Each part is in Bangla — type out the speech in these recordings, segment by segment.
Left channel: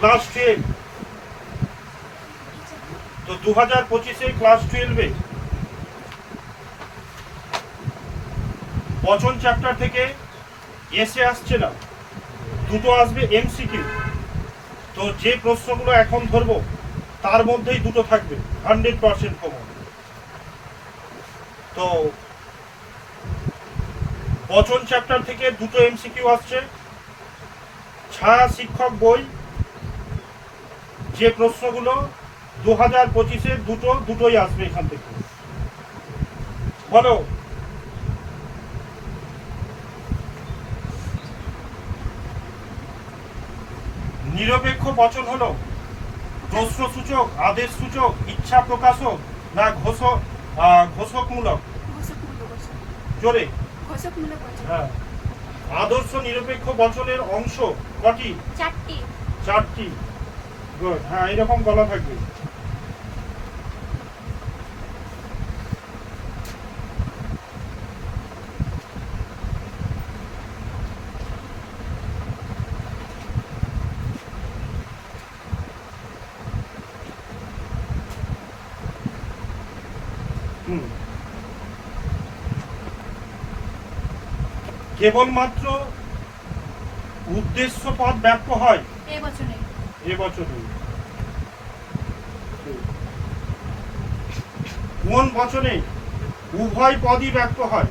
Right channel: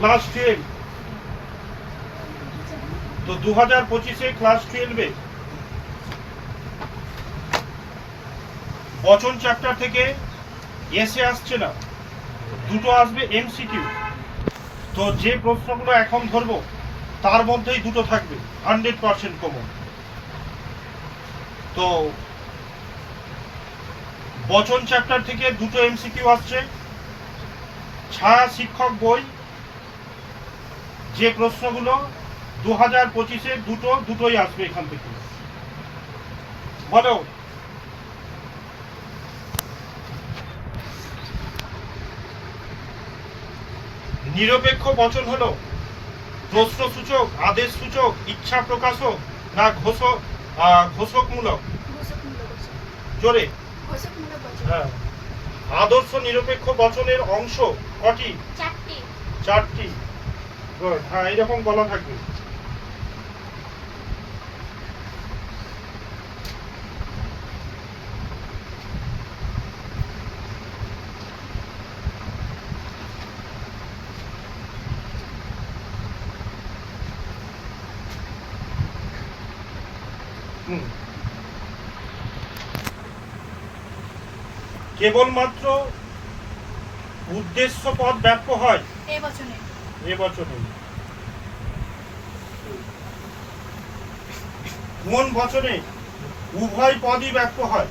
ক্লাস 12। তো 2025-এ ক্লাস 12-এ বচন চ্যাপ্টার থেকে এসে আসছে না, দুটো আসবে এমসিকিউ। তো যে প্রশ্নগুলো এখন ধরবো তার মধ্যেই দুটো থাকবে 100% কমন। তো বচন চ্যাপ্টার থেকে দুটো এমসিকিউ আসছে। ছায়া শিক্ষক বই যে প্রশ্নগুলো 2025-এ দুটোই আসবে এখান থেকে। বলো। নিরপেক্ষ বচন হলো প্রশ্নসূচক, আদেশসূচক, ইচ্ছা প্রকাশক না ঘোষকমূলক? জোরে। হ্যাঁ। আদর্শ নিরপেক্ষ বচনের অংশ কটি? চারটি। গুড। হ্যাঁ, এরকম বলা থাকবে। কেবলমাত্র উদ্দেশ্য পদ ব্যাপ্য হয় এ বচনে। কোন বচনে উভয় পদই ব্যাপ্য হয়?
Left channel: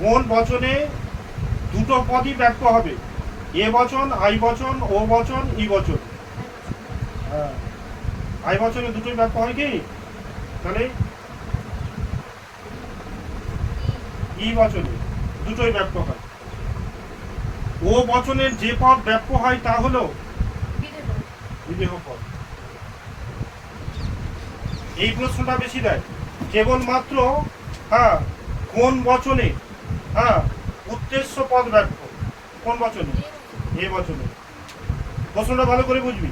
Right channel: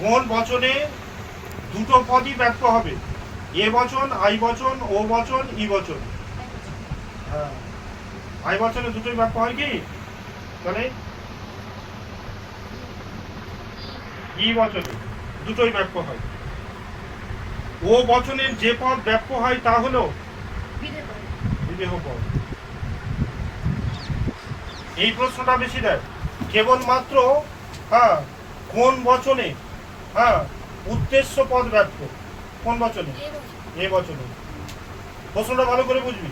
কোন বচনে দুটো পদই ব্যাপ্য হবে? এ বচন, আই বচন, ও বচন, ই বচন। হ্যাঁ, আই বচনে দুটোই ব্যাপ্য হয় কি? তাহলে ই বচনে দুটোই ব্যাপ্য হয়। ও বচনের যে পদ ব্যাপ্য হয় তা হলো বিদেহ পদ। এই প্রশ্নটা বেশি দেয়। কেবলমাত্র কোন বচনে উদ্দেশ্য পদ ব্যাপ্য? কোন বচনে? এ বচনে। প্রশ্নটা ভালো করে বুঝবি।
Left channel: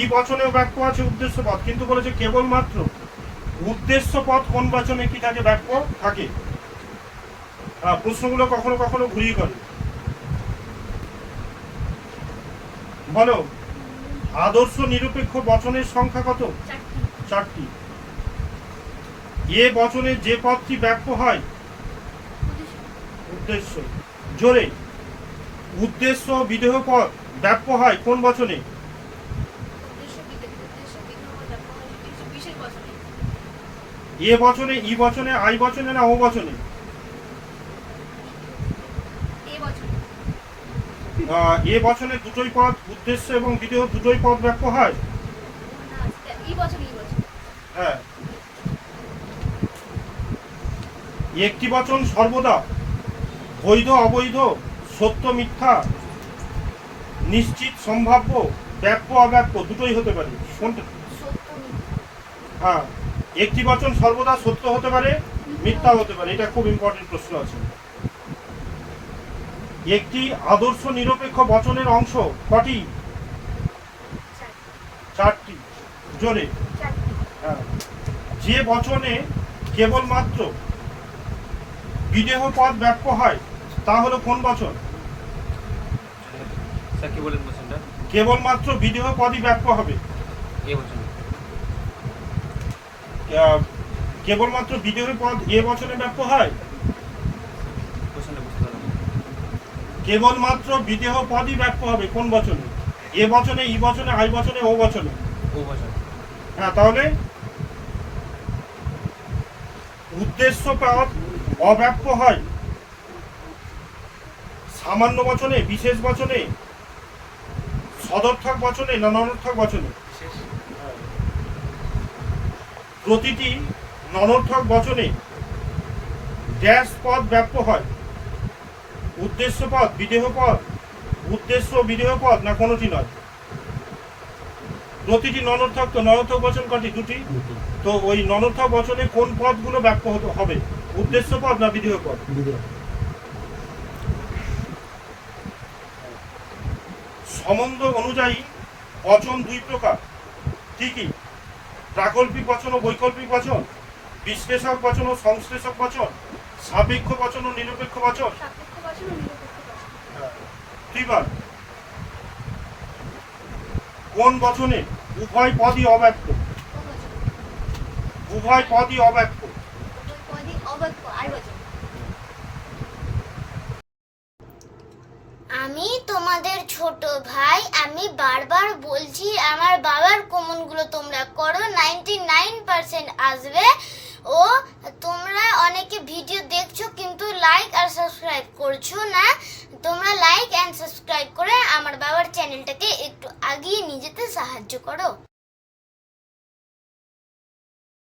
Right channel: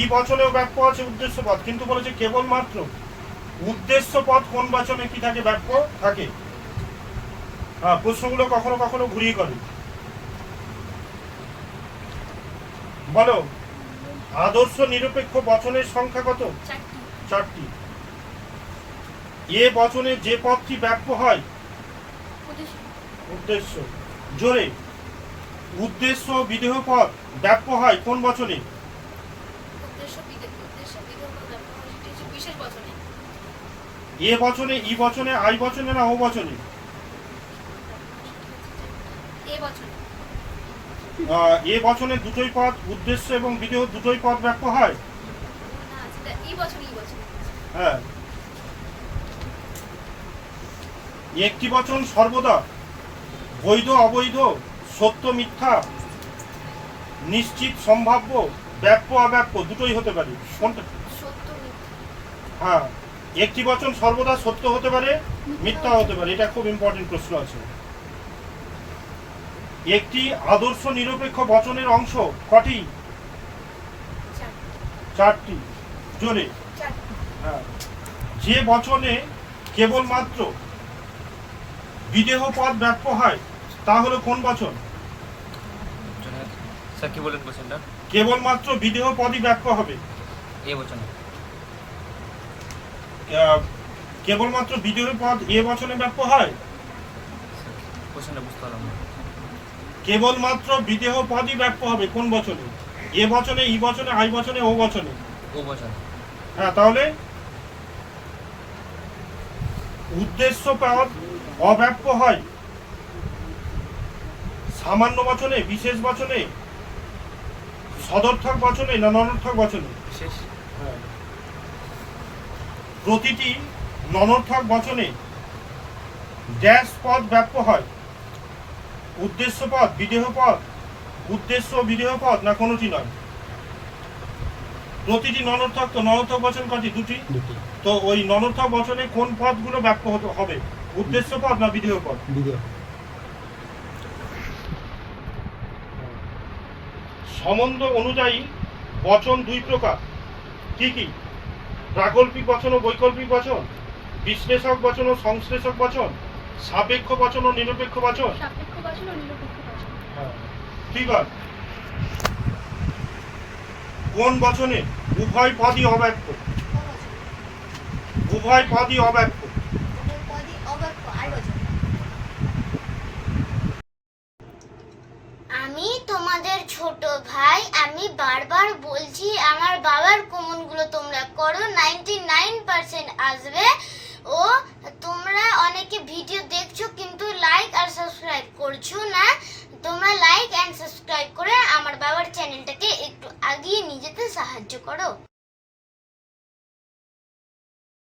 ই বচনেও ব্যাপ্য আছে উদ্দেশ্য পদ, কিন্তু বলেছে কেবলমাত্র উদ্দেশ্য পদ কোন বচনে কি থাকে? ব্যাপ্য থাকে। প্রশ্নগুলো কখনো কখনো ঘুরিয়ে করে। বলো, আদর্শ নিরপেক্ষ বচনের সংখ্যা কত? চারটি। এ বচনে যে পদটি ব্যাপ্য হয়? উদ্দেশ্য। জোরে। উদ্দেশ্য বিদেহ পদ ব্যাপ্য হয় কোন বচনে? এ বচনে, ই বচনে, আই বচনে না ও বচনে? এ বচনে দুটোই পদ, উদ্দেশ্য এবং বিদেহ দুটোই পদ ব্যাপ্য হয়। হ্যাঁ। একটি বচন সর্বদা বৈধ অবৈধ, সত্য মিথ্যা, নিশ্চিত সম্ভাব্য, ব্যাপ্য অব্যাপ্য দুটোই হতে পারে। কোনটা? হ্যাঁ, একটি বচন সর্বদা সত্য হতে পারে, মিথ্যা হতে পারে। এটা খুব ইম্পর্টেন্ট প্রশ্ন আছে। একটি আদর্শ নিরপেক্ষ বচনের অংশ কটি? চারটি। জোরে। হ্যাঁ। যে বচনে কেবলমাত্র বিদেহ পদ ব্যাপ্য হয় তা হলো কোন বচন? স্যার কি বলেন বচনটা? কেবলমাত্র বিদেহ পদই ব্যাপ্য হবে এ বচনে। কেবলমাত্র বিদেহ পদ এ বচনে ব্যাপ্য হয়? বচনটা বুঝতে পারলাম। কেবলমাত্র বিদেহ পদই ব্যাপ্য হবে কোন বচনে? এ বচনে, ই বচনে, আই বচনে, ও বচনে? ও বচন। হ্যাঁ, তাহলে উদ্দেশ্য পদ অব্যাপ্য হয় সামান্য বচনে, বিশেষ বচনে, সদর্থক বচনে না ননর্থক বচনে? বিশেষ। প্রতিটি ননর্থক বচনে ড্যাশ পদ ব্যাপ্য হয়? উদ্দেশ্য পদ, বিদেহ পদ, উদ্দেশ্য বিদেহ পদ না কোনোটি নয়? প্রতিটি ননর্থক। তো ননর্থক বচন কটি? দুটি। তো ওই ননর্থক বচনে কোন পদগুলো ব্যাপ্য হবে? উদ্দেশ্য পদ না বিদেহ পদ? সম্বন্ধ অনুযায়ী বচন দুই প্রকার। কি কি? প্রাকল্পিক বচন ও বৈকল্পিক বচন, বিশ্লেষক বচন ও সংশ্লেষক বচন, সাপেক্ষ বচন ও নিরপেক্ষ বচন। সাপেক্ষ বচন ও নিরপেক্ষ বচন। হ্যাঁ। ঠিক আছে। কোন বচনে উভয় পদই অব্যক্ত? কোন বচন? উভয় পদই অব্যক্ত। উভয় পদই অব্যক্ত। আই বচন। আমি তোমাদের ছোট ভাই, আমি বারবার বলছি আমার বাবার কমনগুলো তোমরা করো, 99% আসবে। ও তোমরা অনেকে ভিডিও দেখছো কিন্তু লাইক আর সাবস্ক্রাইব করছো না। তোমরা লাইক এন্ড সাবস্ক্রাইব করে আমার বাবার চ্যানেলটাকে একটু আগিয়ে নিয়ে যেতে সাহায্য করো।